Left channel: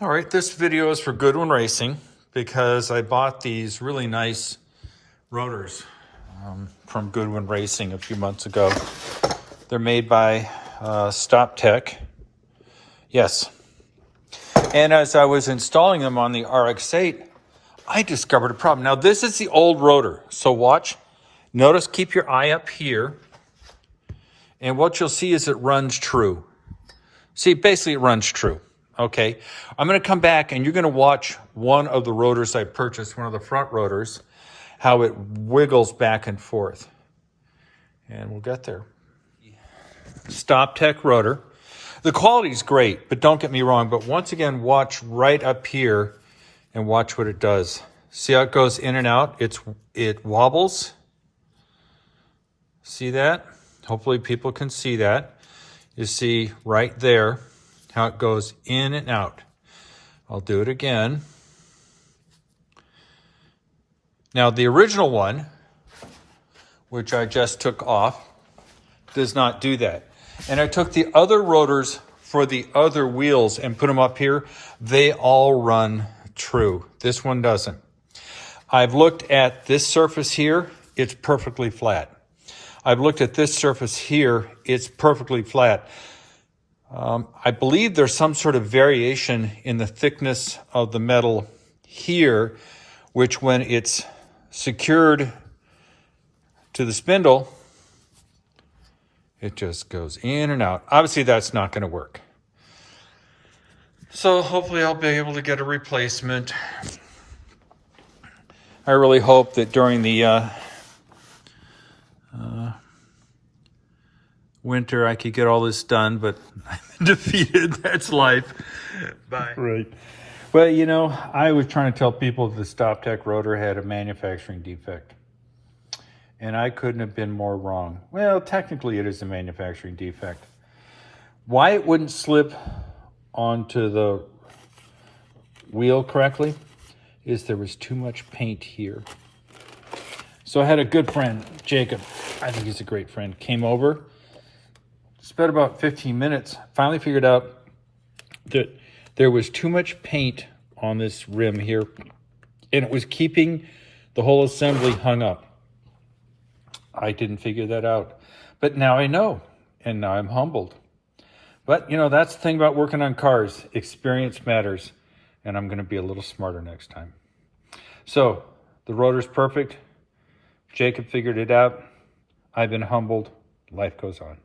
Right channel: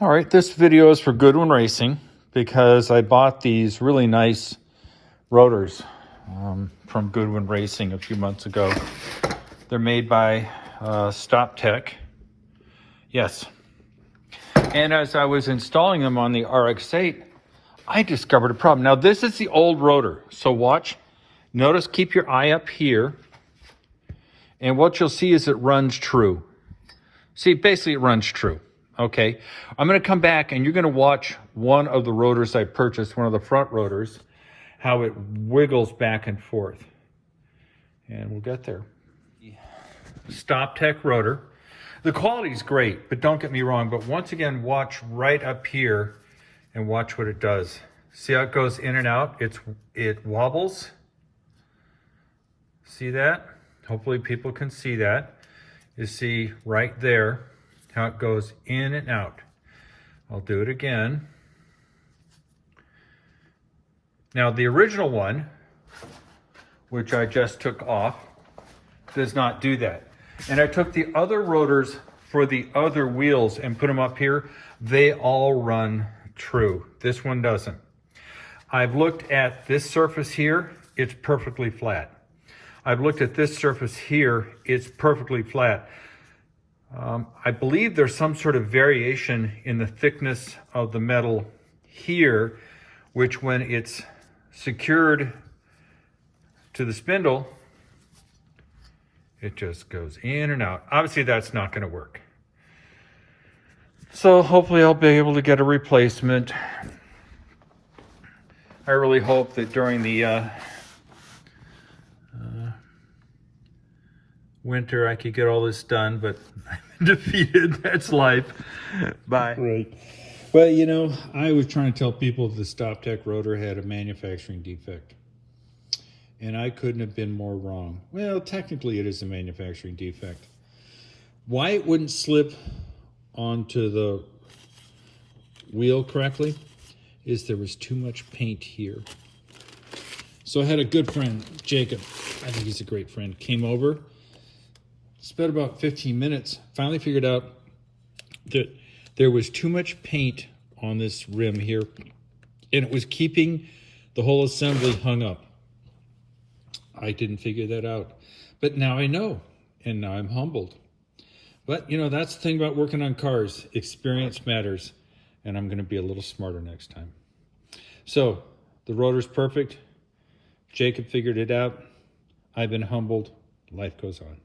All right, this video is for Goodwin Racing because I bought these really nice rotors from Goodwin Racing a few months ago. They're made by Stoptech. Yes. And as I was installing them on the RX-8, I discovered a problem. Now, this is the old rotor. So watch. Notice, keep your eye up here. And what you'll see is it runs true. See, basically it runs true. Okay, I'm going to come back and you're going to watch one of the rotors I purchased, one of the front rotors, how it wiggles back and forth. And we'll get there. Stoptech rotor. The quality is great, but don't get me wrong. But once again, watch right up here and watch what it does. See how it goes in and out? It wobbles. See that? Hopefully people can see that. You see right there how it goes in and out. I'll do it again. Now the original one, which I just took off, does not do that. And I took the other rotors for the other wheels and put them up here. They all run true. This one doesn't. I've looked at this surface here. It's perfectly flat. I've looked at this surface here. It's perfectly flat. I believe there's some sort of variation in the thickness of the metal here, which when it's secured to the spindle, it just goes in and out. Obviously, that's not going to work. So hopefully I'll be able to get a replacement. I really hope that during the winter I could get all this done, but I'm defeated. That's life. Bye. Right. Well, you know, I was trying to tell people that the Stoptech rotor had a manufacturing defect. And I couldn't have been more wrong. Well, technically it is a manufacturing defect. Why it wouldn't slip onto the wheel correctly is there was too much paint here. So I had a good friend, Jacob, I think he's a great friend, came over, spent about 15 minutes, finally figured out that there was too much paint on this rim here, and it was keeping the whole assembly hung up. I didn't figure that out, but now I know, and now I'm humbled. But, you know, that's the thing about working on cars. Experience matters, and I'm going to be a little smarter next time. So, the rotor's perfect. Jacob figured it out. I've been humbled. Life goes on.